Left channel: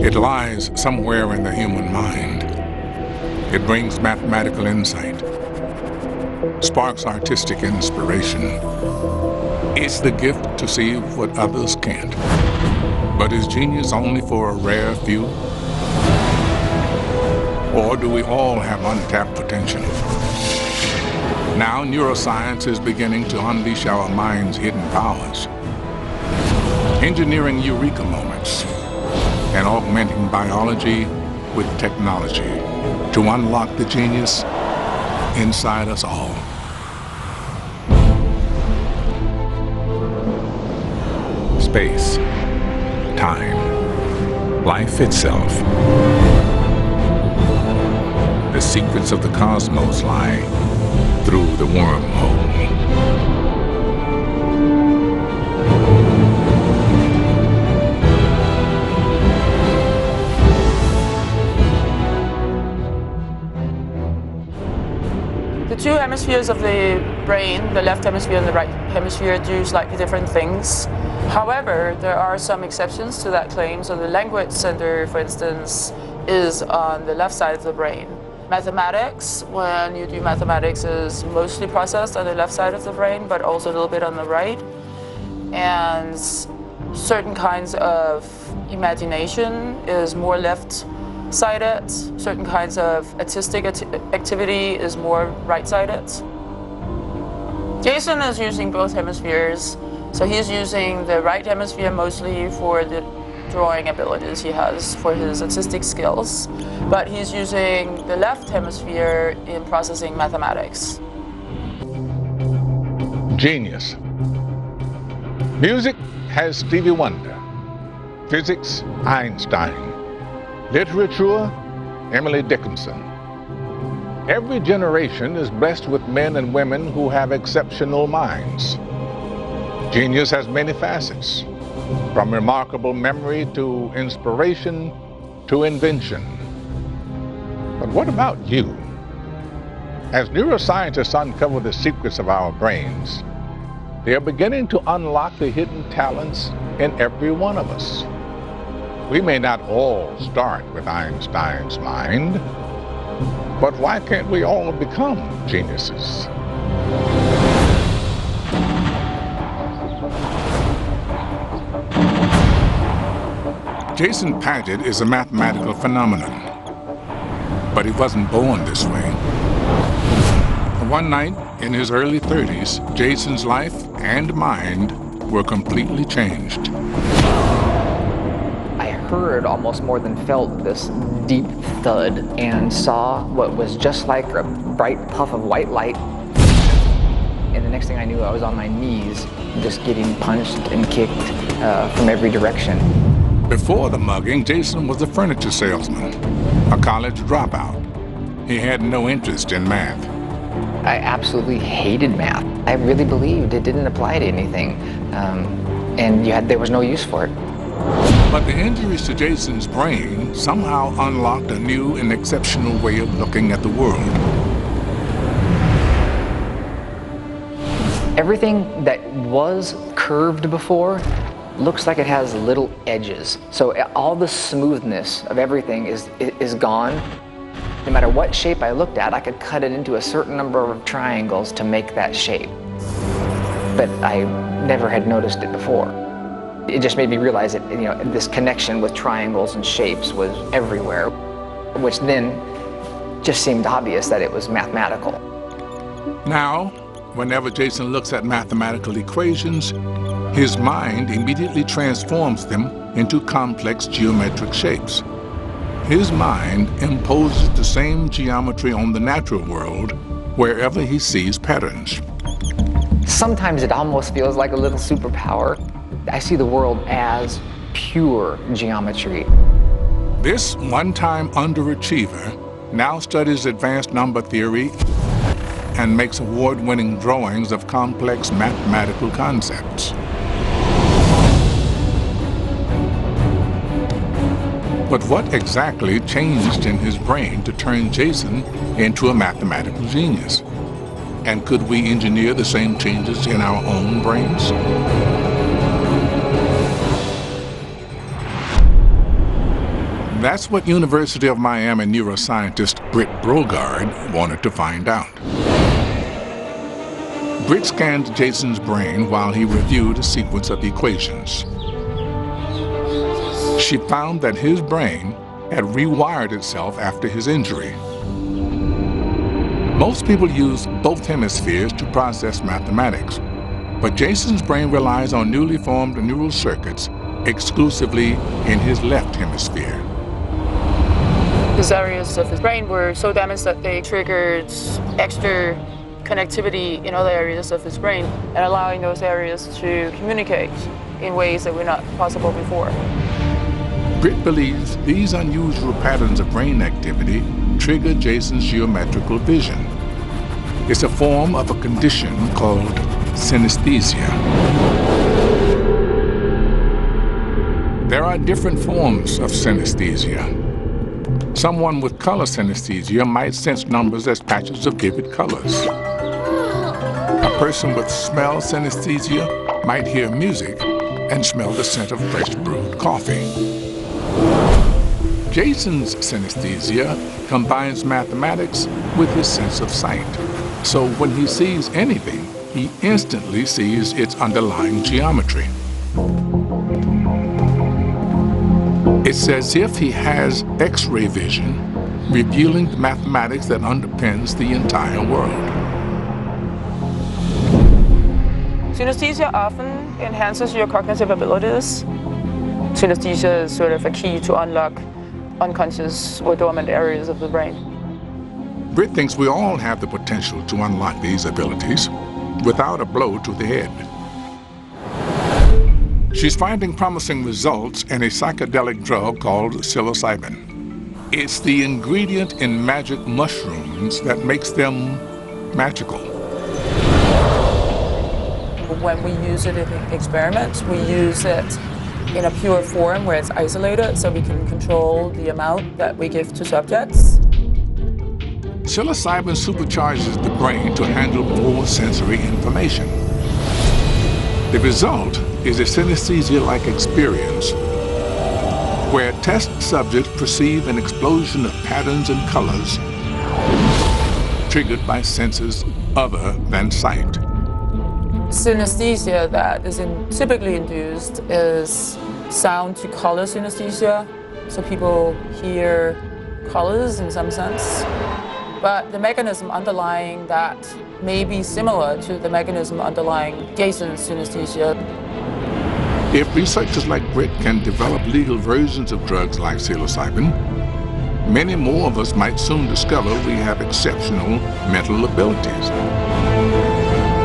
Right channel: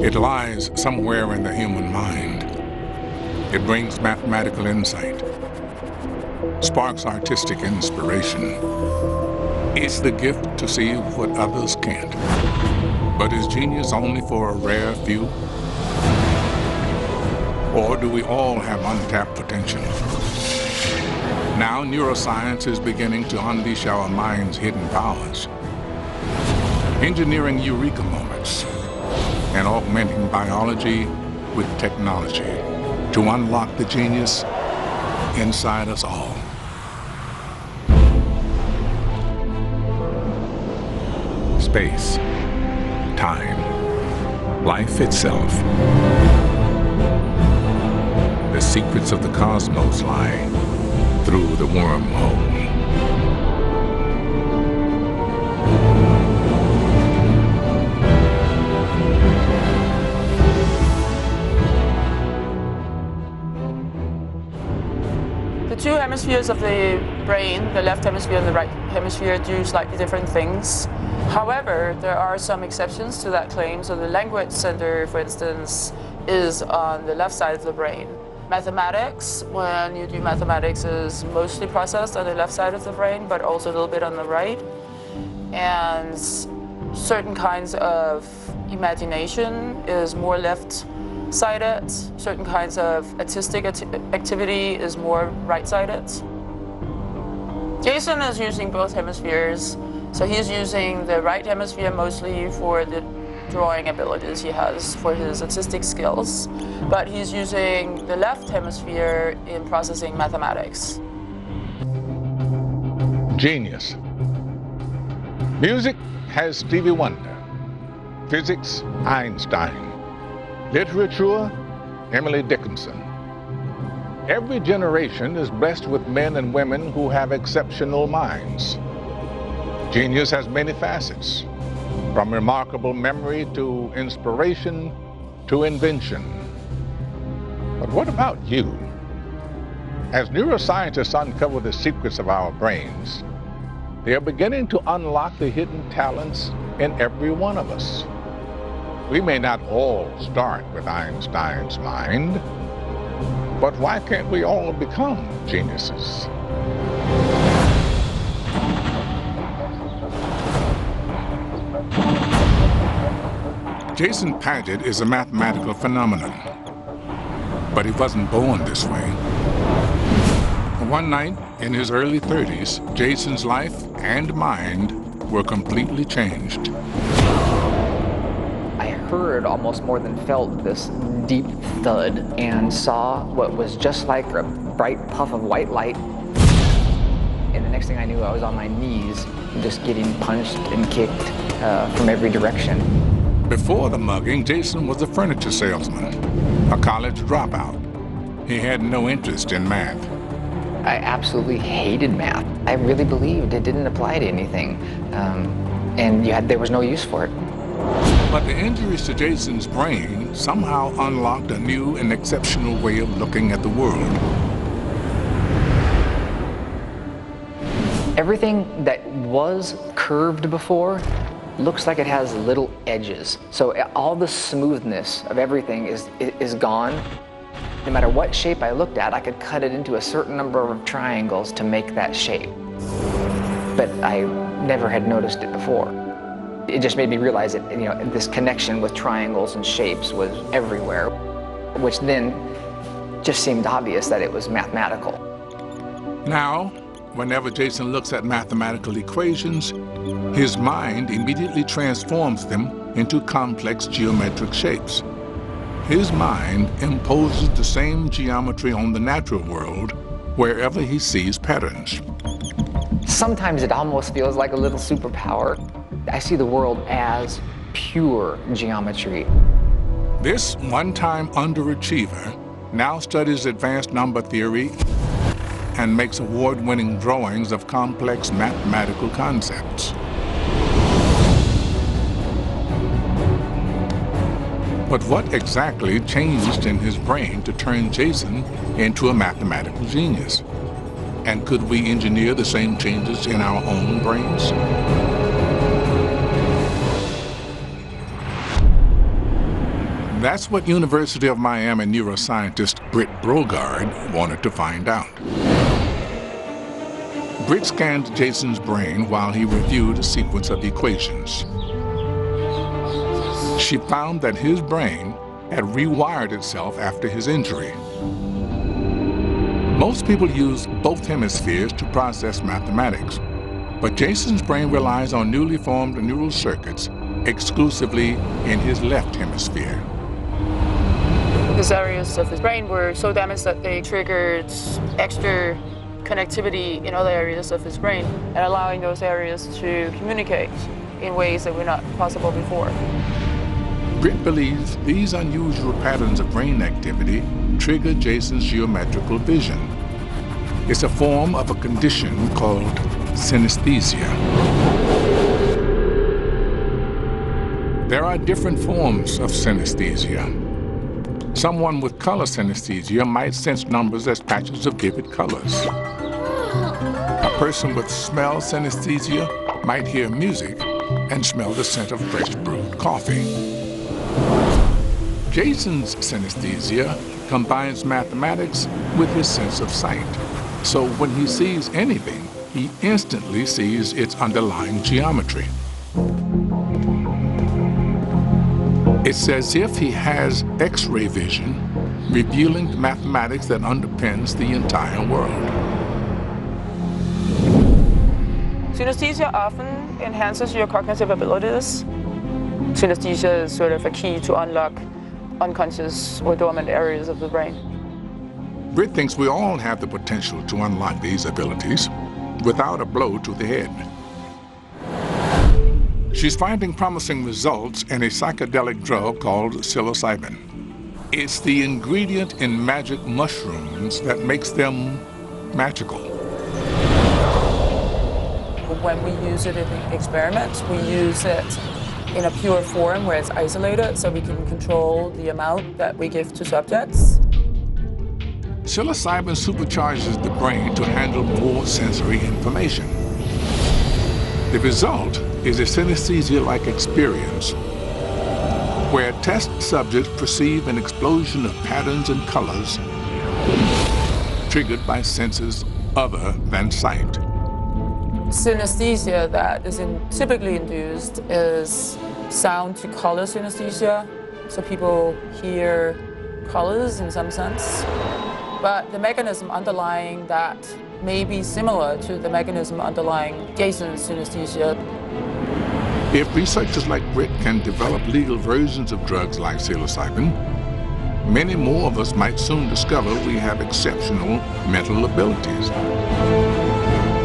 It lies somewhere in the human mind. It brings mathematical insight, sparks artistic inspiration. It's the gift to see what others can't. But is genius only for a rare few? Or do we all have untapped potential? Now neuroscience is beginning to unleash our mind's hidden powers, engineering eureka moments and augmenting biology with technology to unlock the genius inside us all. Space, time, life itself. The secrets of the cosmos lie through the wormhole. The two hemispheres of the brain, the left hemisphere and the right hemisphere, do slightly different things. However, there are some exceptions to that claim. So the language center, for instance, is on the left side of the brain. Mathematics, when you do mathematics, is mostly processed on the left side of the brain, but also a little bit on the right. And certain kinds of imagination is more left-sided. Certain kinds of artistic activity is more right-sided. Jason is using both hemispheres. So he's using the right hemisphere mostly for the drawing abilities he has, for his artistic skills, but he's using the left hemisphere in processing mathematics. Genius. Music has Stevie Wonder. Physics, Einstein. Literature, Emily Dickinson. Every generation is blessed with men and women who have exceptional minds. Genius has many facets, from remarkable memory to inspiration to invention. But what about you? As neuroscientists uncover the secrets of our brains, they are beginning to unlock the hidden talents in every one of us. We may not all start with Einstein's mind, but why can't we all become geniuses? Jason Paget is a mathematical phenomenon, but he wasn't born this way. One night in his early 30s, Jason's life and mind were completely changed. I heard almost more than felt this deep thud and saw what was just like a bright puff of white light. And the next thing I knew, I was on my knees, just getting punched and kicked from every direction. Before the mugging, Jason was a furniture salesman, a college dropout. He had no interest in math. I absolutely hated math. I really believed it didn't apply to anything, and there was no use for it. But the injuries to Jason's brain somehow unlocked a new and exceptional way of looking at the world. Everything that was curved before looks like it has little edges. So all the smoothness of everything is gone. No matter what shape I looked at, I could cut it into a certain number of triangles to make that shape. But I never had noticed it before. It just made me realize that, this connection with triangles and shapes was everywhere, which then just seemed obvious that it was mathematical. Now, whenever Jason looks at mathematical equations, his mind immediately transforms them into complex geometric shapes. His mind imposes the same geometry on the natural world wherever he sees patterns. Sometimes it almost feels like a little superpower. I see the world as pure geometry. This one-time underachiever now studies advanced number theory and makes award-winning drawings of complex mathematical concepts. But what exactly changed in his brain to turn Jason into a mathematical genius? And could we engineer the same changes in our own brains? That's what University of Miami neuroscientist Britt Brogard wanted to find out. Britt scanned Jason's brain while he reviewed a sequence of equations. She found that his brain had rewired itself after his injury. Most people use both hemispheres to process mathematics, but Jason's brain relies on newly formed neural circuits exclusively in his left hemisphere. These areas of his brain were so damaged that they triggered extra connectivity in other areas of his brain and allowing those areas to communicate in ways that were not possible before. Britt believes these unusual patterns of brain activity trigger Jason's geometrical vision. It's a form of a condition called synesthesia. There are different forms of synesthesia. Someone with color synesthesia might sense numbers as patches of vivid colors. A person with smell synesthesia might hear music and smell the scent of fresh brewed coffee. Jason's synesthesia combines mathematics with his sense of sight. So when he sees anything, he instantly sees its underlying geometry. It's as if he has X-ray vision, revealing the mathematics that underpins the entire world. Synesthesia often enhances your cognitive abilities. Synesthesia is sort of a key to unlock unconscious or dormant areas of the brain. Britt thinks we all have the potential to unlock these abilities without a blow to the head. She's finding promising results in a psychedelic drug called psilocybin. It's the ingredient in magic mushrooms that makes them magical. When we use it in experiments, we use it in a pure form where it's isolated so we can control the amount that we give to subjects. Psilocybin supercharges the brain to handle more sensory information. The result is a synesthesia-like experience where test subjects perceive an explosion of patterns and colors triggered by senses other than sight. Synesthesia that is typically induced is sound to color synesthesia, so people hear colors in some sense. But the mechanism underlying that may be similar to the mechanism underlying Jason's synesthesia. If researchers like Britt can develop legal versions of drugs like psilocybin, many more of us might soon discover we have exceptional mental abilities.